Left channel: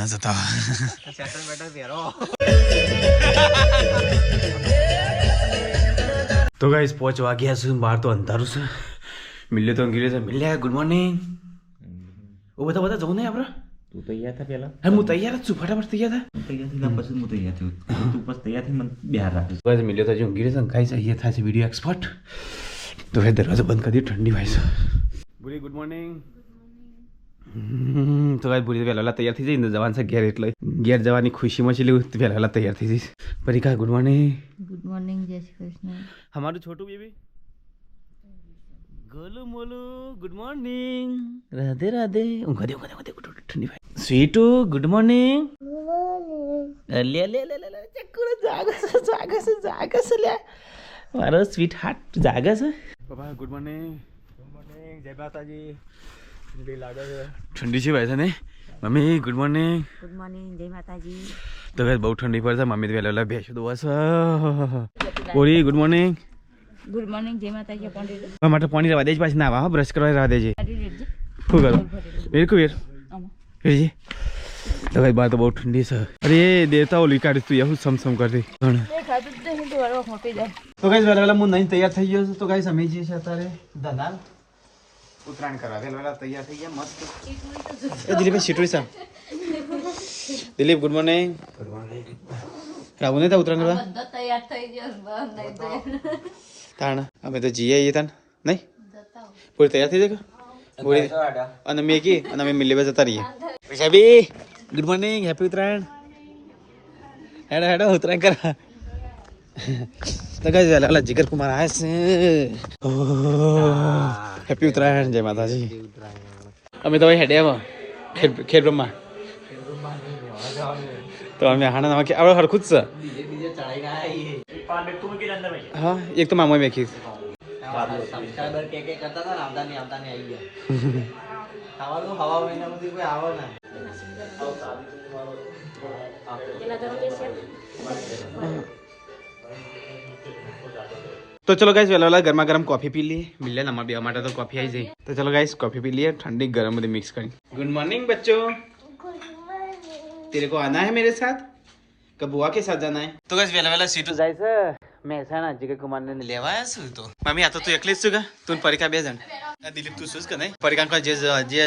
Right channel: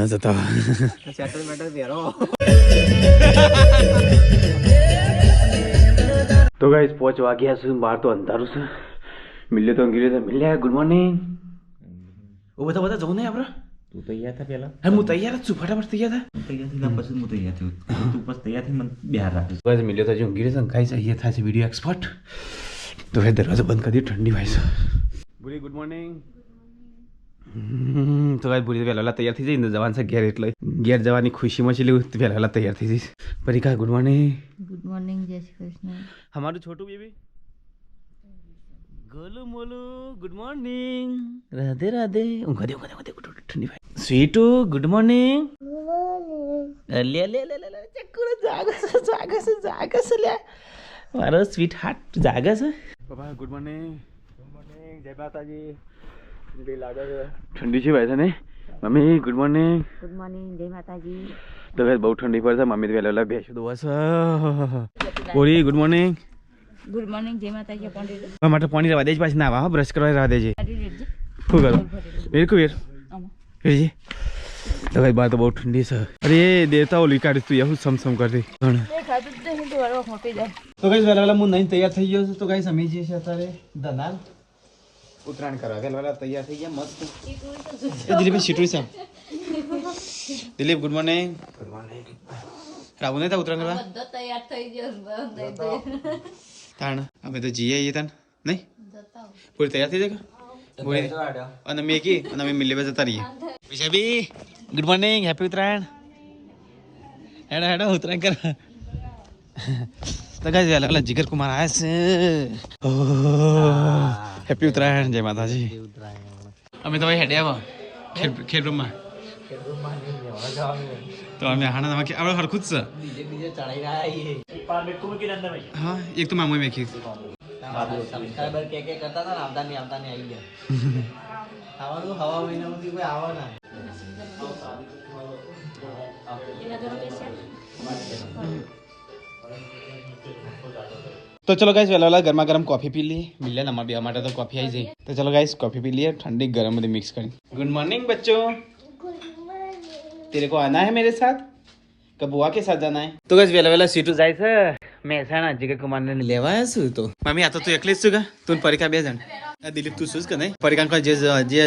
ના જતા તો ગાઈસ પહોંચવા ગયા છે બહાર તો અંધારું છે મિલ્યો તો અંગીરે છે મિલ્યા ગુડ મોર્નિંગ ઓ બધા જવું નહીં આપણે તું તૈયાર થા પેલા હા હું તૈયાર જ છું ફટાફટ તૈયાર થા તૈયાર થઈને પછી હું તૈયાર થયો તું બસ તૈયાર થઈને મને બહાર રાખીશ ગાઈસ મિલ્યો તો જો અંગીરે છે ખાઈ છે થાય છે વિડીયો એક્સપર્ટ તો હવે દરવાજો બંધ કરી દે ઠંડી વાય છે બુરી ગુડ મોર્નિંગ તો ગાઈસ બુરી પહેલા તૈયાર થઈ જઈને જવાન છે ઘેર એટલે ઘેર જવાની ખુશીમાં છે લેવું પહેલા તૈયાર થઈ જઈશ પરીકા ગુડ મોર્નિંગ જય શ્રી કૃષ્ણ हमाરું छोटू बेबी गोलू मोलू गुड मॉर्निंग राधे राधे ऊँगा दे ठंडी भाई स्वीटू गुड मॉर्निंग ले ले ले ले चक्कर जागा से ले मारो स्वीट हार्ट जागा से पापा गुड मॉर्निंग जय माताजी ठंडी सी भाई था नहीं मम्मी गुड मॉर्निंग જય માતાજી तो बहू ठंडी पड़ता मम्मी तो पहले भेज दो बस बोरी गुड मॉर्निंग ગુડ મોર્નિંગ જય માતાજી પંડિત માટે પાણી રવા દેજ પાછી ના આવા બ્રશ કરવા રવા દેજે શું કરો વેર કુવેર વેરજી તો ભાઈ બાર તો બહુ ઠંડી છે અરે દેવતા ઓલી કાઢી તું યાર સમસમ કરતી તો ગાઈસ વેલા હું નહીં તૈયાર થઈ ગયો છું તો ગાઈસ અમે જે છે અત્યારે ધનાલ ઉત્તરાયણ કરવા વેલા તૈયાર થઈ ગયા મસ્ત એ દિલીપ શીટુઈ સાહેબ દિલીપ ગુડ મોર્નિંગ રાવું નહીં તા ઉત્તરાયણ કરવા તૈયાર થઈ ગયો તાણ અમે તો જઈએ આવીએ તાણ નહીં પૂરી તૈયાર થઈ જાય પૂરી અને મેગી અને અમે મિલી જતા રહીએ સાહેબી ગુડ મોર્નિંગ હેપી ઉત્તરાયણ હેડો હેડો ઉત્તરાયણ કરા તો ગાઈસ વેલા જીગર કુમાર આવ્યા છે હેપી ઉત્તરાયણ જય માતાજી અમે તો હેડે આવો ખેર બ્રહ્મા તો અમે હાણા નામાં આપણે હરખું જ છે હા એક તો મામા મેખી તો ચલો ગાઈસ વેલા ગરમા ગરમ કોફી પી લઈએ મિલે અમારા બે માટે તો કોફી આવી જાય તો ચલો ગાઈસ કોફી પી लिए ठंडी गरम में मिक्स करी गुड मॉर्निंग बच्चों तेरे को आना है मेरे साथ कब बुआ के साथ जाना है तो गाइस वेला सीटू જાય છે મહેસાણા જીગર કુમાર ને લેવા આવ્યા છું તો મમ્મી આ તો તું એકલી જ છું કે તું પરીકા બે જણ આ દિલીપ તું શું કે નહીં પરીકા કો જે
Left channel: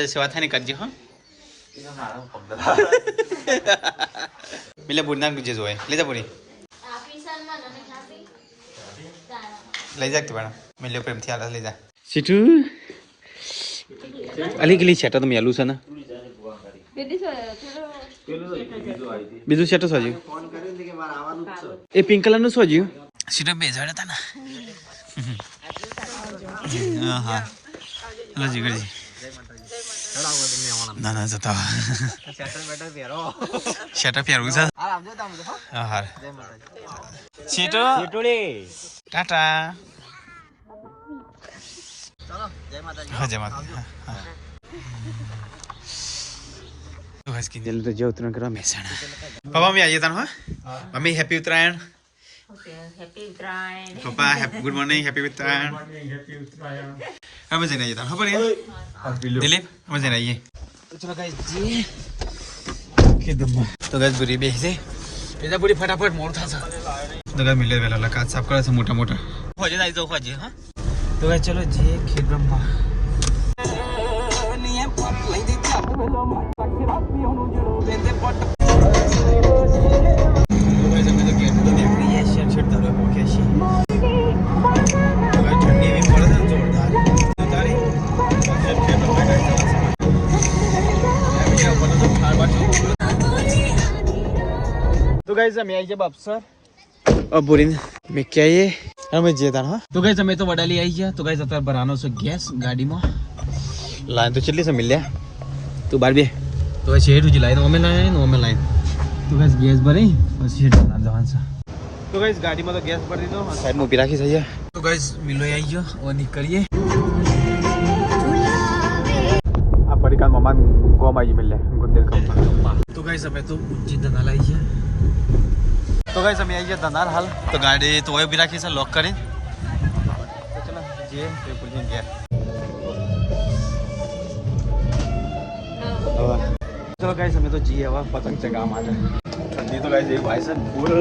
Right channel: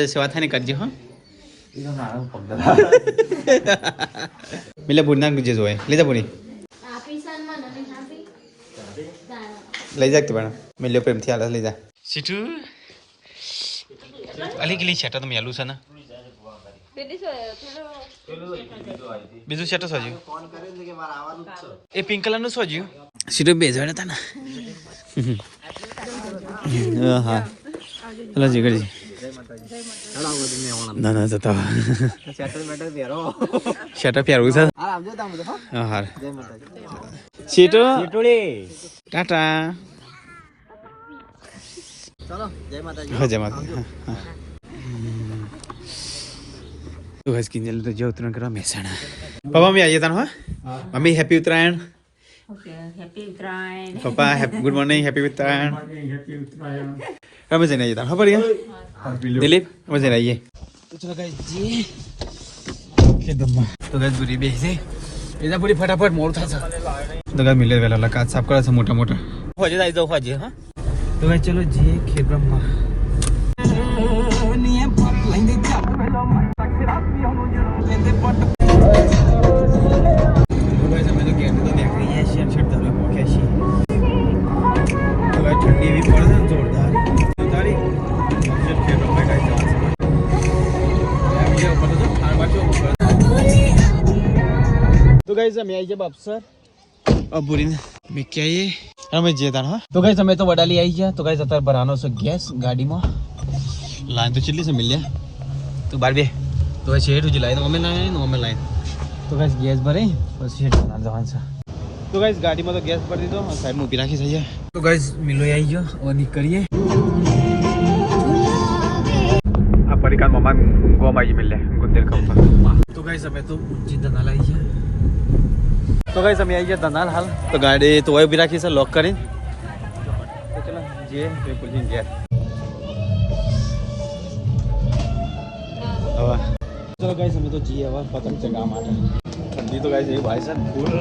સેવા થાય ને કરજે હો મિલે બુરના જે જોય લેજા બુની લઈ જા તું બણા મિલે પ્રેમથી આલા લઈ જા સીટુ અલી ગલી છે તો મેલું છે ને બીજું સેટ સોજ્યું એ પિંક કલર નું સોજ્યું સીટો બે જણ હતા ને હા હલો જીગરજી ના ના જતા શેટર પહેરવું છે હા હા સીટો ટાટા હા જય માતા तो गाइस किंजल तो जो उतरायण करा महेसाणा पापा मम्मी आइए तान मम्मी हैप्पी उत्तरायण पापा गुड मॉर्निंग हैप्पी उत्तरायण हमें जाना आइए तान हाँ बढ़िया दिलीप हमें जाना आइए तो चलो गाइस जी तो गाइस बुरी बेसे इधर बुरी फटाफट मोड़ था तो गाइस मिले वेला काट साफ करा था मोटा मोटा होजे आई जाओ होजे हां तो गाइस चलो जी खेत ब्रह्मा तो गाइस हमें आई जब अफसर अब बुरी में क्या ये हमें जेता हाँ तो गाइस हमें तो वडाली आई है तो गाइस अतर बनानो से गैस गाड़ी में लाइन तो चली से मिल लिया तो बार भी तो शेड उजी लाइन नॉर्मल लाइन तो गाइस गैस भरी और शेड बना जवान सा तो गाइस गाड़ी में तो गैस भर दी दो और साइड में ऊपर रखी सही है तो गाइस मिलो आई जो और निकलिए आप परिकान ममान गोमा जी मिल ले गुंदेल कंपन तो गाइस हमें तो उज्जी दनाल आई है तो गाइस हमें आई है दनाल हाल तो गाड़ी तो वही भी रखी सर लॉक करें तो चलो जी ये पुलिस गैस ચલો ગાઈસ અમે તો જઈએ હવે પતંગ ચગાવવા માટે. ઠંડી તો ગાઈસ એવી ભાઈ છે ફૂલ.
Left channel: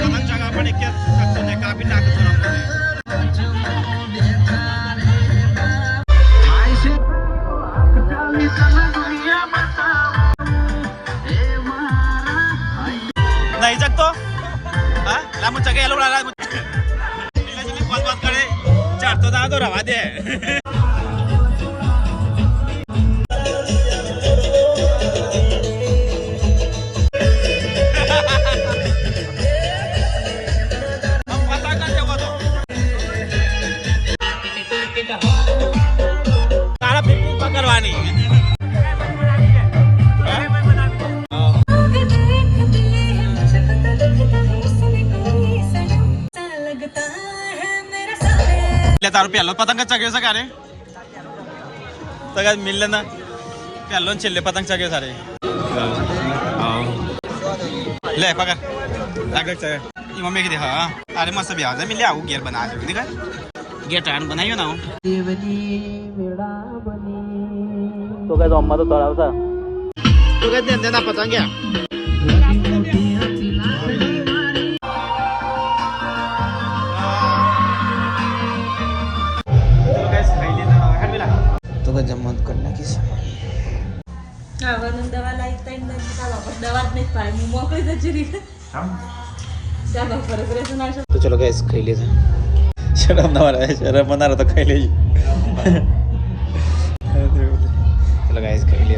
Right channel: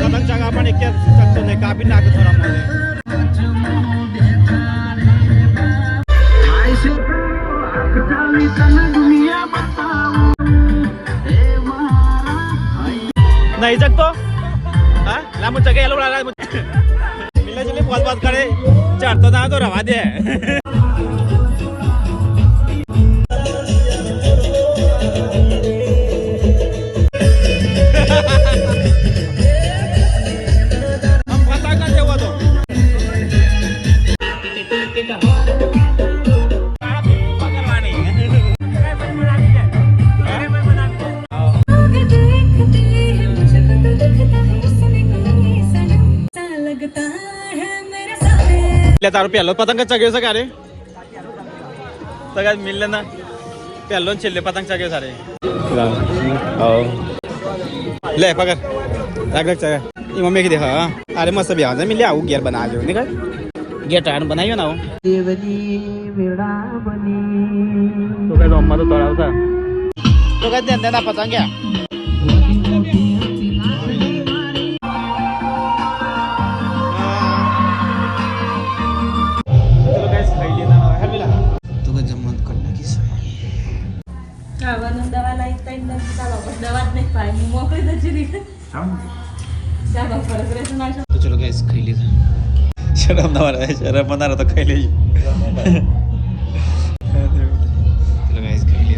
पतंग चगा पण एक शकतो नाही कापी नाक थोडा मध्ये नहीं सकतो हाँ ला मुझे चगे लोग ला मिला चले बहुत बात करे चढ़ तो जा तो रवा दे तारो पहलो पतंग चगे सारे तो मिल लेना पहलो छिल्ले पतंग चगे सारे ले पकड़ रख रख चगे मम्मी की देखा अरे मस्त भी आता मिले आऊ गियर बना जो निकल गियर टायर बनाइयो ना तो क्या अम्मा तो तोड़ा था तो क्या देना पतंग क्या जमन करना की तो चलो गाइस खाई ले शर्म ना मारा शर्म बना रहा तो खाई ले चलो गाइस खाई ले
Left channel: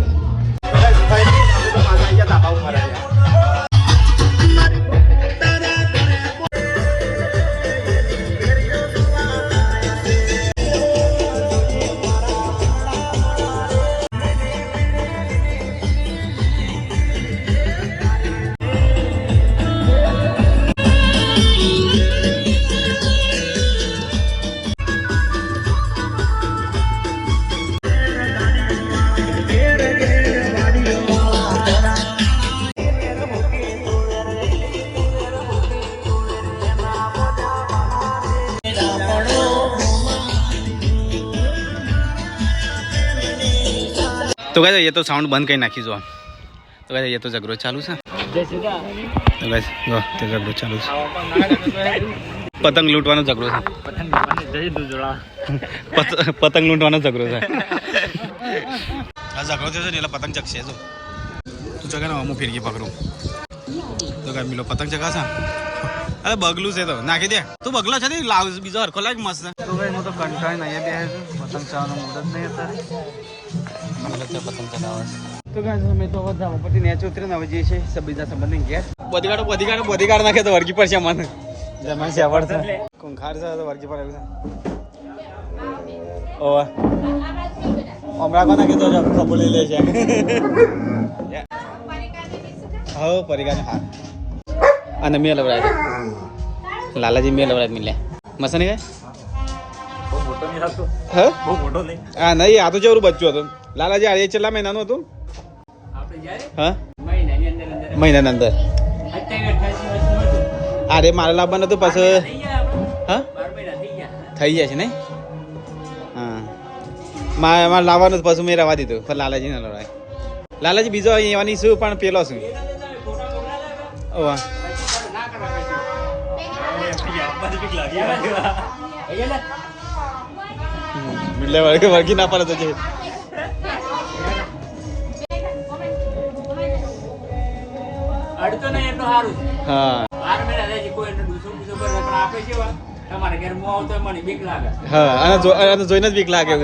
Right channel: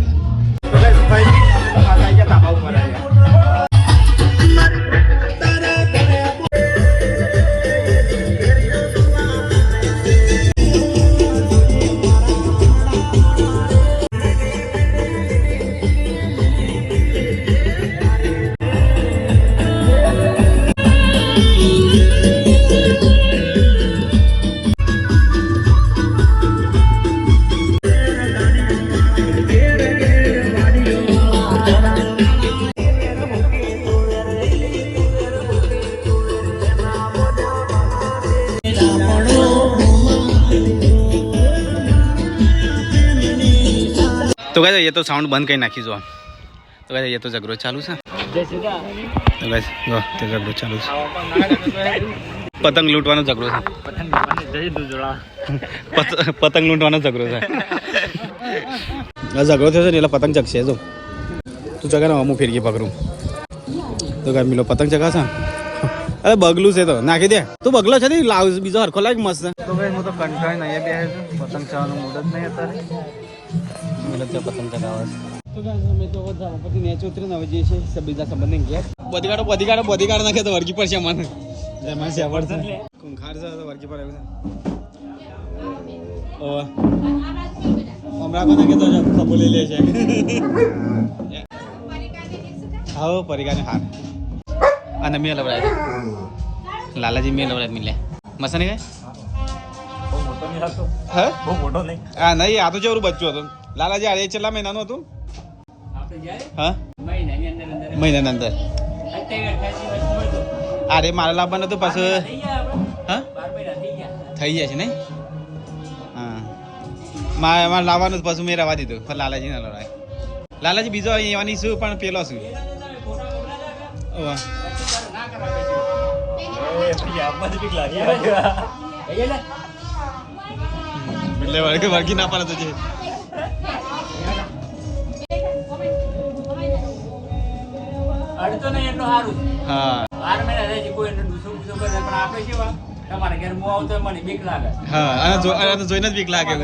तो गाइस ये तो साउंड बंद कर नाखी जो तो गाइस ये तो झगड़ो चालू है तो गाइस जो ते झगड़ो चालू है पतंग लूटवानो झगड़ो है पतंग लूटवानो झगड़ो है झगड़ो थयो छे એટલે પતંગ જગશે જો તું જગા ના હું ફેરકી પકડું તો ગાઈસ મિલો પતંગ જગા છે અરે બગલું છે તો નાખી દે તું બગલો છે ને લાવ બીજો હરખો લાગ મસ્ત તો ગાઈસ હું તો કંટાળી નહીં બેહે છે પતંગ ચગાવવાનો મૂડ જ નહીં અત્યારે पतंग चगावा तो गाइस हमें तो जावा पटी નેચે ઉતરીને હવે જે છે सब બીજા સંબંધ ઘેર બોડીગાર્ડ નાખે તો વર્ગી પર છે મન જમા છે આવડશે કોંખાર છે તો વર્ગી પર આવ્યું ઓવા હમણાં કોના કે તો ખબો લઈ લે છે આવો પરિગાને હાર અને મેલ લવરાય લાલાજી મેલ લવરાય મિલે મસને ગય હે હા નહીં આ તો જેવરું બચ્ચું હતું લાલાજી આ છેલ્લા મહિનાનું હતું હા મહિનાની અંદર અરે મારે લાવવાનું હતું પછી હા થઈ ગયા છે નહીં હા મારે લાવવાનું પછી મેં રવા દીધું પણ લાલાજી ને લવાય લાલાજી બીજો એવાની શું પણ પેલો શું ઓવા એટલે વર્ગી ના પડે તો હા અને જોઈને જ બીક લાગે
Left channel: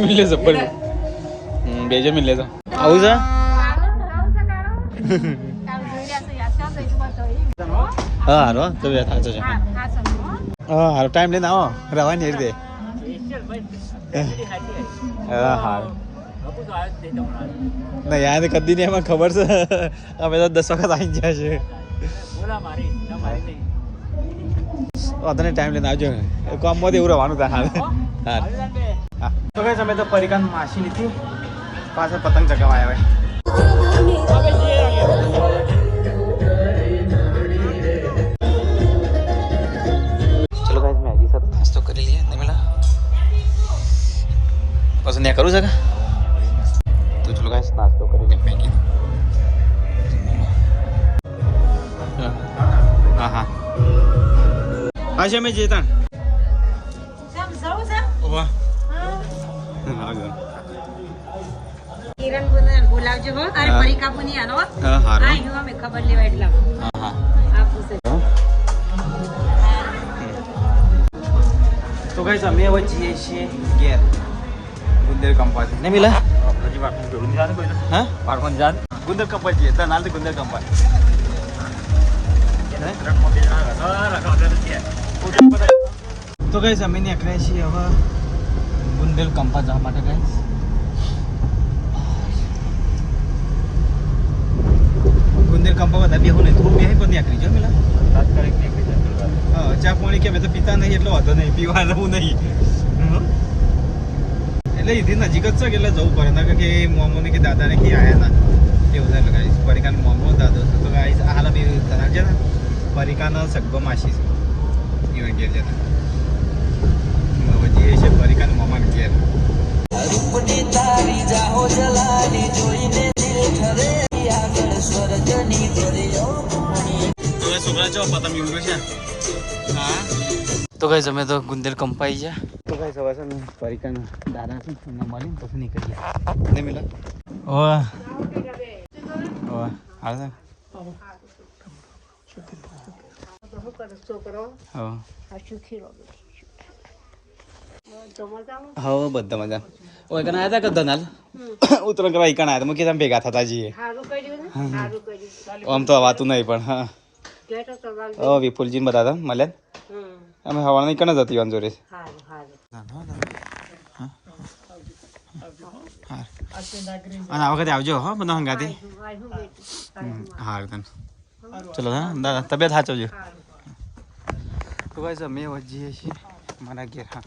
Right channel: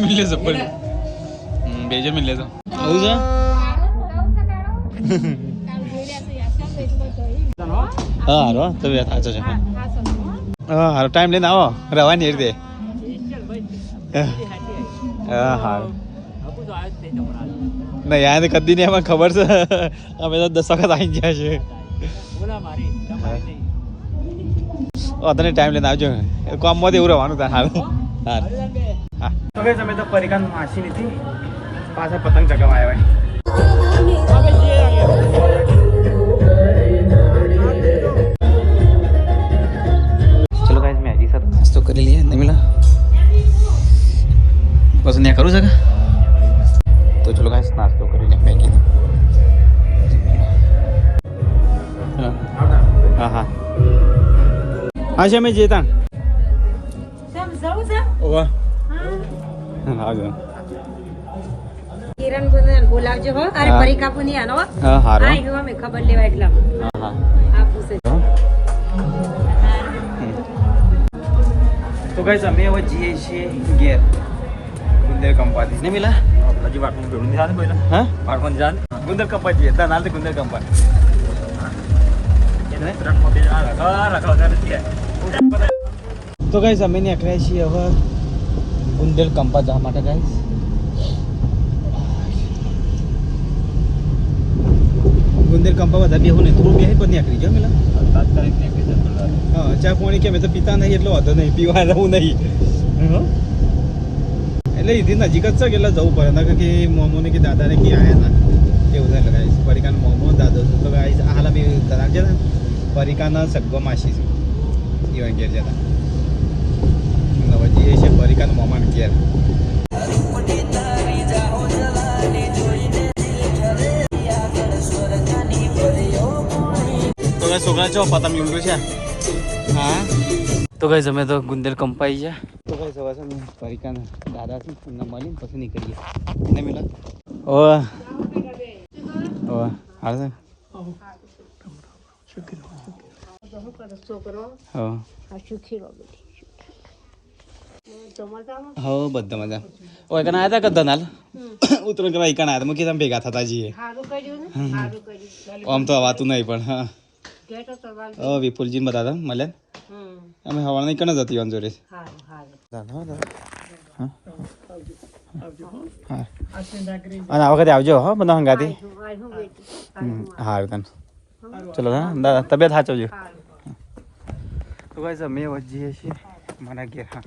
મિલે જબર બેજો મિલ લેતો આવું છે હા હારો તો બે થાચો છે હા હારો ટાઈમ લઈને આવો રવાની રીતે હા હા ના યાર કદી નહીં એમાં ખબર છે અમે તો 10 વખત આવી ગયા છે તને ટાઈમ લઈને આવજો કામમાં એવું રહેવાનું તા હાલ હા હા તો ભાઈ અમે તો પરિકાન માસી નથી પાછા પતંગ ચગાવવા આવ્યા ચલો ગાઈસ મેગી સાથે નાસ્તો કરી લઈએ નહીં મિલા બસ ત્યાં કરું છે કે તો ચલો ગાઈસ નાસ્તો કરી લે મેગી હા હા હા છે અમે જેતા ઓવા હા ગયો કિરણ ગુંદર બોલાવજો હો અરે પરીકા પુની આનો હા હારો આ જો અમે ખબર લેવા એટલા હા હા આ પૂછે તો ગાઈસ અમે હવે જઈએ છીએ ઘેર ગુંદર કંપાથી ને મિલા હજી વાટનું જોયું નહીં કોઈ ના હા પાડવાનું જાન ગુંદર કંપા જઈએ તા નાલ ગુંદર કંપા ને તો ગાઈસ અમે નીકળ્યા છીએ હવે ગુંદર કંપા જવા માટે ગાઈસ ગુંદર કંપા બધા બેહું નહીં થોડું બેહી પછી નીકળી જાઓ મિલા હા ચા પાણી કે મેં તો પીતા નહીં એટલો વાંધો નહીં પીવા રહું નહીં એટલે એથી નજીક જ છે કે એટલે જવું પડે ના કે મોમોને કે દાદાને કે આયા ના એવું થાય ગાઈસ પરિકાનો મોમો દાદો તો ગાઈસ હાલા બે કરાર છે ને પરિકાનો સગ્ગો માસી છે ઈવન ઘેર જતા હવે જે છે પરિકાનો મોમાન ઘેર તો ગાઈસ છોકરા છો પતંગ ઊંડું છે હા તો ગાઈસ અમે તો ગુંદર કંપાઈ ગયા તો ગાઈસ હવે છે ને પરિકાનો દાદા છે એમને મળીને પછી નીકળીએ ને મિલા ઓ ઓ હા હા બધા મજા ઓય કના આયા તા કદનાલ ઉતરણ કે ભાઈ કના આયા મુકી તમે ભેગા થતા જઈએ હારું કર્યું ને હારું કર્યું આમ તો વાતું નહીં પણ હા લેટો સવાલ ઓ વિપુલજી ને બધા મળ્યા અમે હવા નહીં કને જતી વાન જોડે હારું હારું હા અને આ વખતે આવજો હો બધા હંગાથી સારું તને ચલો હા દાદા તબિયત સાચવજો તો ગાઈસ અમે વજીએ છીએ મારા ઘેર હા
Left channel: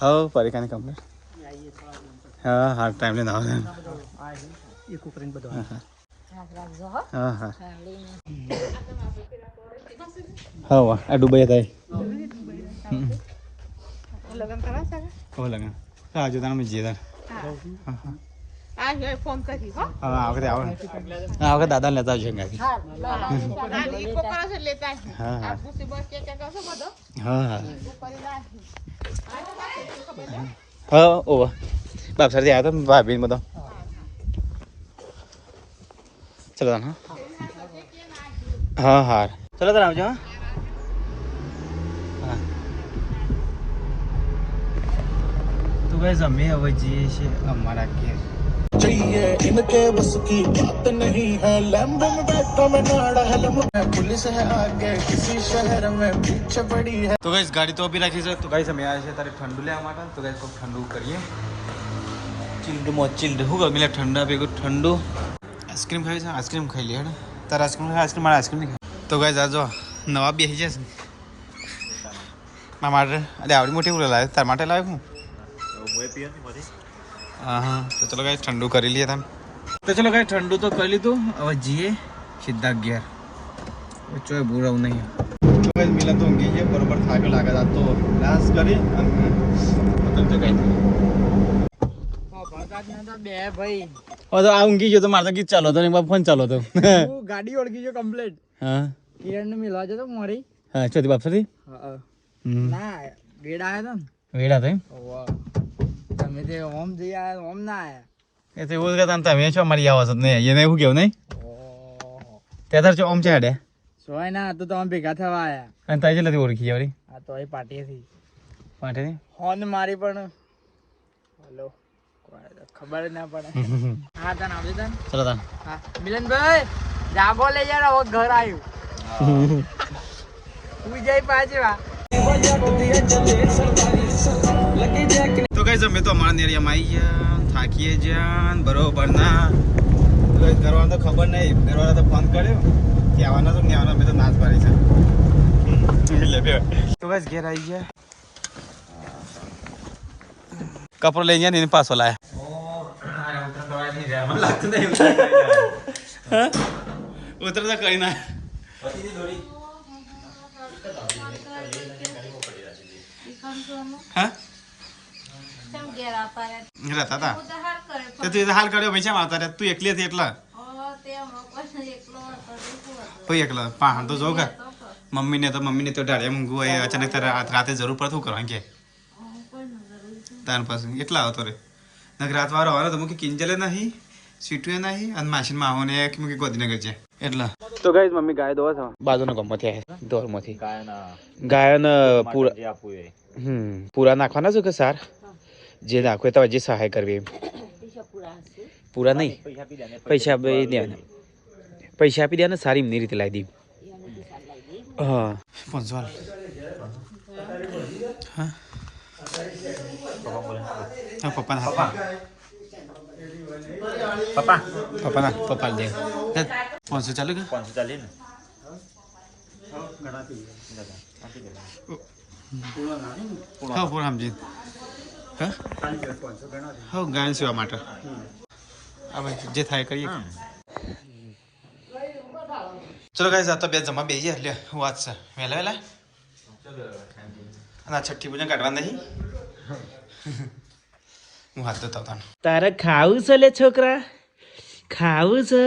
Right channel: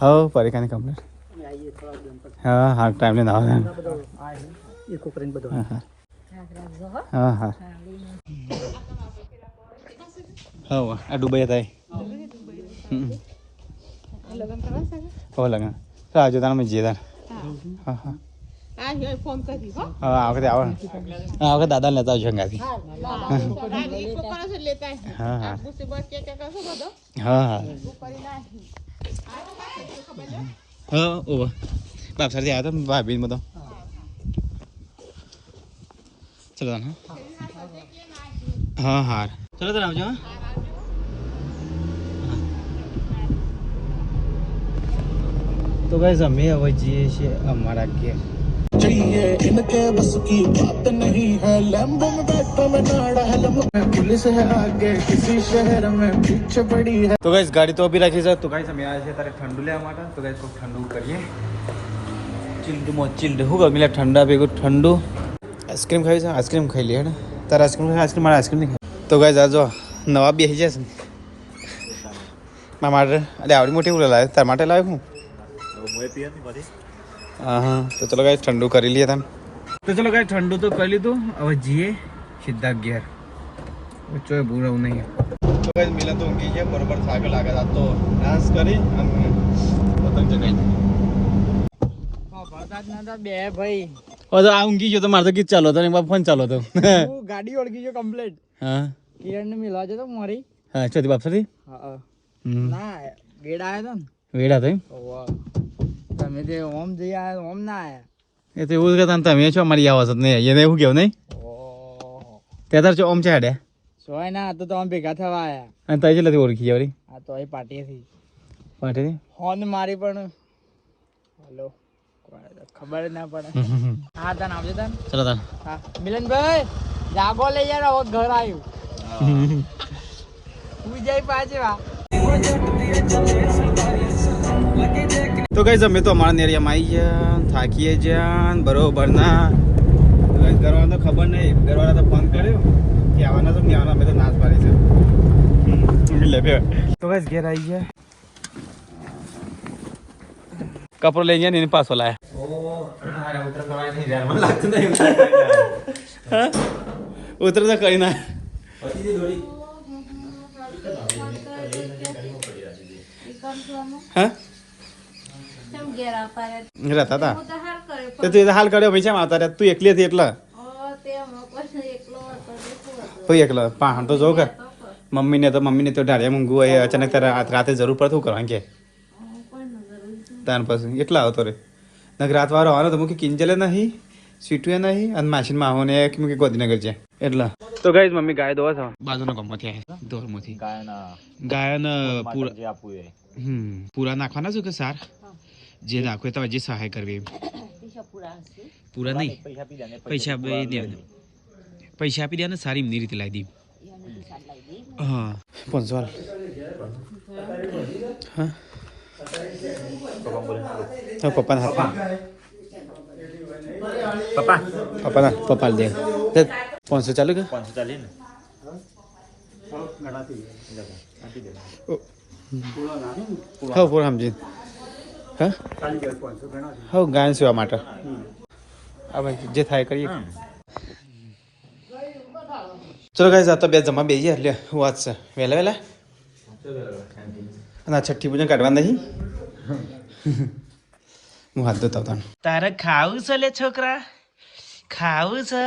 હા પરિકાની કંપની હા હા ટાઈમ લઈને આવે એક કરીને બધું હા હા હા વાહ આ ડુબઈ થાય લગન કરા છે હો લગન તો આજે તને મેં જીતા હા હા આ જો ફોન કરી હો હા આ વખતે આવો હા આ વખતે દાદા લેતા આવજો હંગાથી ઈ કોકરા से लेता है હા હા आप मुझसे बात क्या करते हो હા હા હા ઓવા બાપ સર આવ્યા તો ભાભી બધો ચલો હા હા હા ચલો તાર આવજો હા તો ગાઈસ અમે હવે જઈએ છીએ અમારા ઘેર चाहिए इनके बस की बात नहीं है लैम्बो में बैठा मैं नाड़ा है पुलिस है आगे किसी शहर में पीछे पड़ी है તો ગાઈસ ગાડી તો અભી રાખી છે તો ગાઈસ અમે આવ્યા છે તારે ઠંડુ લેવા માટે તો ગાઈસ કોઈ ઠંડુ કરીએ ચિલ્ડમાં ચિલ્ડ હું ગમી લે ઠંડા ભેગું ઠંડુ આઈસ્ક્રીમ ખાવી છે આઈસ્ક્રીમ ખાઈ લઈએ ને તારે આઈસ્ક્રીમ ખાઈ આઈસ્ક્રીમ મારે આઈસ્ક્રીમ નહીં ખાઈ તો ગાઈસ આ જો નવા બેસી જશે ને મારા માટે અરે આવડી મોટી ઉલે લાવ્યો તાર માટે લાવ્યો હું હા હા તો ચલો ગાઈસ ઠંડુ કરી લઈએ તમે તો ચલો ગાઈસ ઠંડુ તો કરી લીધું હવે જઈએ સીધા ઘેર ચોય ભૂરાવું નહીં ગાઈસ મિલા તો ઊંઘી ગયા બરોબર ફાયકો લાગે આ તો ડાન્સ કરી અને પતંગ ચગાવી બે ભાઈ ઓ તો આ ઊંઘી ગયો તો મારે તો ગીત ચાલો તો એમાં ફોન ચાલો તો હું ગાડી ઓળખી ગયો કમ્પ્લીટ હા કિરણ ને મિલવા જતો મારી હા છોટી બાપ સાથે હા ના વેડા આવ્યો તો વેડા થઈ વાહ તમે જે ઓમ જઈ આયા ઓમ ના આયા એ તો એવું કે તમે છો મારી આવાજ જ નહીં એને એવું કેવું નહીં ઓહો ત્યાં તો ઓમ છે હેડે સોય ના તો આમ ભેગા થવા આયા અને તારી જેટલાથી ઓળખી જાય આ તો એ પાર્ટી થી પાટે હોન મારી પણ हेलो खबर ना पड़े हाँ तन आवजे तन ચલો તાન हाँ मिलन भाई जागो ले यार वो घर आयु तू जाई पाछे वा તો ગાઈસ અમે તો અમારા એરિયામાં આવી ગયા થાકીએ જ્યાં બરોબર ના ગાઈસ ઘરવાળાને તો ખબર નહીં ઘરવાળા તો ફોન કર્યો કે આવવાના તો નહીં આવવાના અમે તો નાચ પાડી છે લે બે તો ગાઈસ ઘેર આવી ગયા કપડો લઈ ગયા ને એને પાછો લાયા ઉતર તો કરી ના હા કેમ ઘેર આવતા રે રહેતા હતા તો હાલ કરે તે તું એ હાલ કર્યો પૈસા આવતા રહ્યા તું એકલી હતી એટલા તે કોઈ એકલો હતો કોઈ એકલા પાહણ તો જો કે મમ્મીને તો ઢાળિયા મૂંગું હોય અચાનક તારે રાતે જરૂર પડે શું કરવાનું કે તાર પછી એટલા આવતો રે નક રાત વાળો આવવાનો તો મૂકી કિંજલે નહીં સીટુએ નહીં અને માસીનમાં આવો ને એક મૂકી ગોધીનગર છે એટલા તો ગાઈસ મમ્મી ગાય દોવા છો બાજુનો ગમમાંથી આવે દોરમાંથી ગાયન પૂરા નાખવાના છો કે સાર જે નાખો તો જે સહાય કરવી પૂરા નહીં પૈસા આપી દે પૈસા આપી દે ને સારી એમની રીતે લાવી દી હા 500 હા હા પપ્પાના હાથમાં પપ્પા દે 500 ચાલુ કે 500 ચાલી ને હા પૂરા સમજી હા હા ગાયન સેવા માટે હા ભાઈ જે થાય કરીએ ચલો ગાઈસ આ તો બે જમા બેસી એટલે વાત છે વહેલા વહેલા અને છઠ્ઠી પૂજન કાઢવા નહીં હું હાથ ધોતા હતા તારે ખાવું છે લે છોકરા ખાવું છે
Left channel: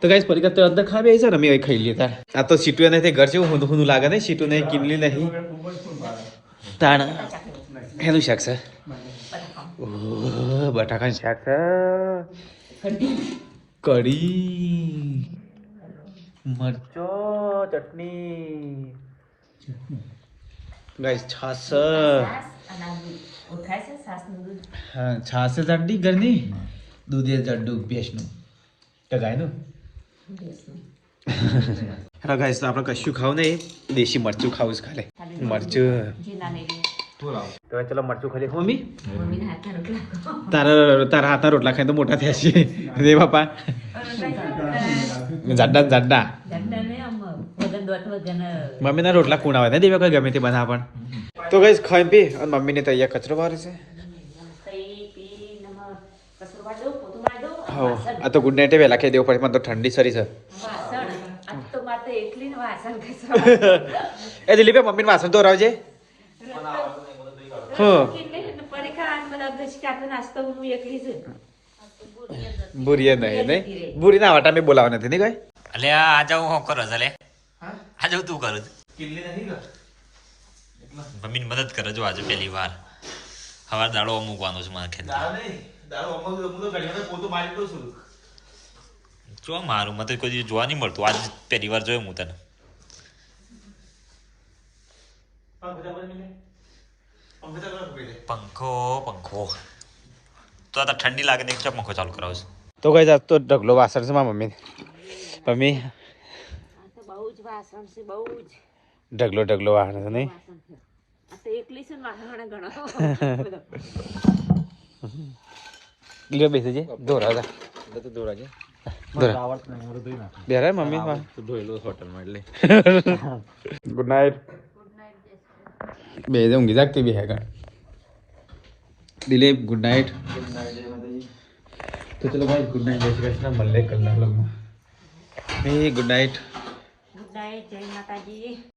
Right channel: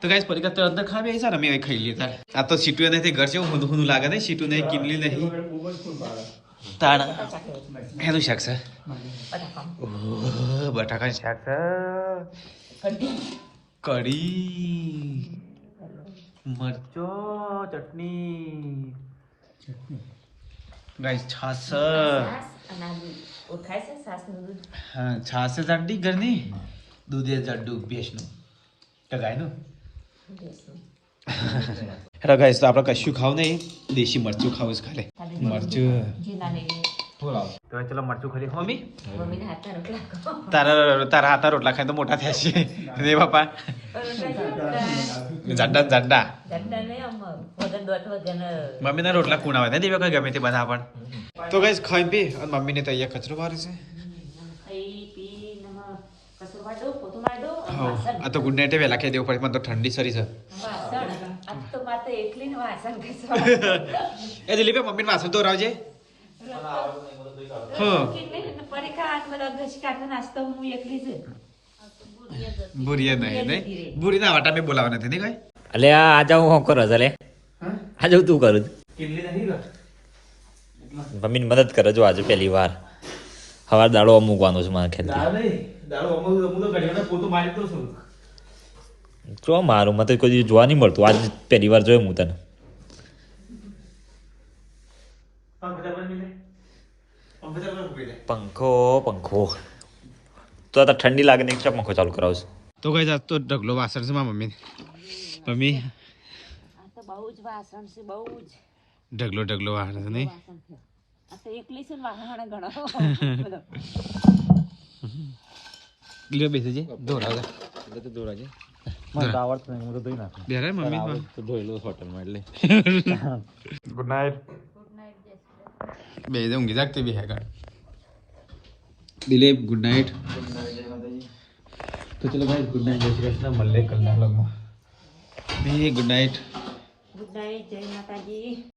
તો ગાઈસ પરીક્ષા તો અંદર ખાવે છે ને અમે ખાઈ લેતા આ તો સીટું નહીં ઘર જેવું હું હું લાગે નહીં સીટું નહીં કિમલી નહીં તાણ એનું શાક છે બટાકાનું શાક છે કઢી મરચો ચટણી ગાઈસ છાસ હા છાસ ચટણી ઘરની દૂધે ચડ્ડું ભેંસનું તો ગાયનું હેલો ગાઈસ તો આપણે કશું ખાવું નહીં દેશી મરચું ખાવું છે ખાલે મરચું તો ચલો મરચું ખાલી મમ્મી તારા હાથના રોટલા ખાઈ તો મોટા થયા છે રે બાપા જાડા મમ્મીના રોટલા કુણ આવે ને દેવા કોઈ ગમે તે બનાવ પણ તો ગઈશ ખાઈ પી અને મમ્મીને તો અહીંયા કચરો વારે છે હા આ તો ગુડ નાઇટ વહેલા ખાઈ દેવું પડે મને તો ઠંડી સરી છે એ દિલીપ મમ્મીને વાસણ તો રાવજે બુરી નહીં બુરી ના વાટા મેં બોલાવા નથી નહીં કઈ અલે આ જાઉં હું કરો અલે આ જાઉં તું કરું મમ્મીની મદદ કરે જો આજે પહેલી વાર સવાર દાડો મૂકવાનો છે મારા ખ્યાલથી જો મારું મને કોઈ જોવા નહીં મળતું આજ પહેલી વાર જોયું હું તને પંખો તો આ ઠંડી લાગે ને એકસ્ટ્રા પંખો ચાલુ કરાવશે તો કઈ જાત તો ઢગલો વાસણ છે મારા મમ્મી બહુ જ વાસણ છે બહુ જ ઢગલો વાસણ છે નહીં આ તો એકલી છે ને વાસણ ઘણા લ્યો બેસી જે દોરા બેરા મમ્મી ધોયેલો હોટલમાં એટલે ગુડ નાઇટ બે ઊંઘી જાગતી બી હે કાં દિલીપ ગુડ નાઇટ તો ચલો ભાઈ ગુડ નાઇટ જય શ્રી કૃષ્ણ મળે કલના લોગમાં ગુડ નાઇટ જય માતાજી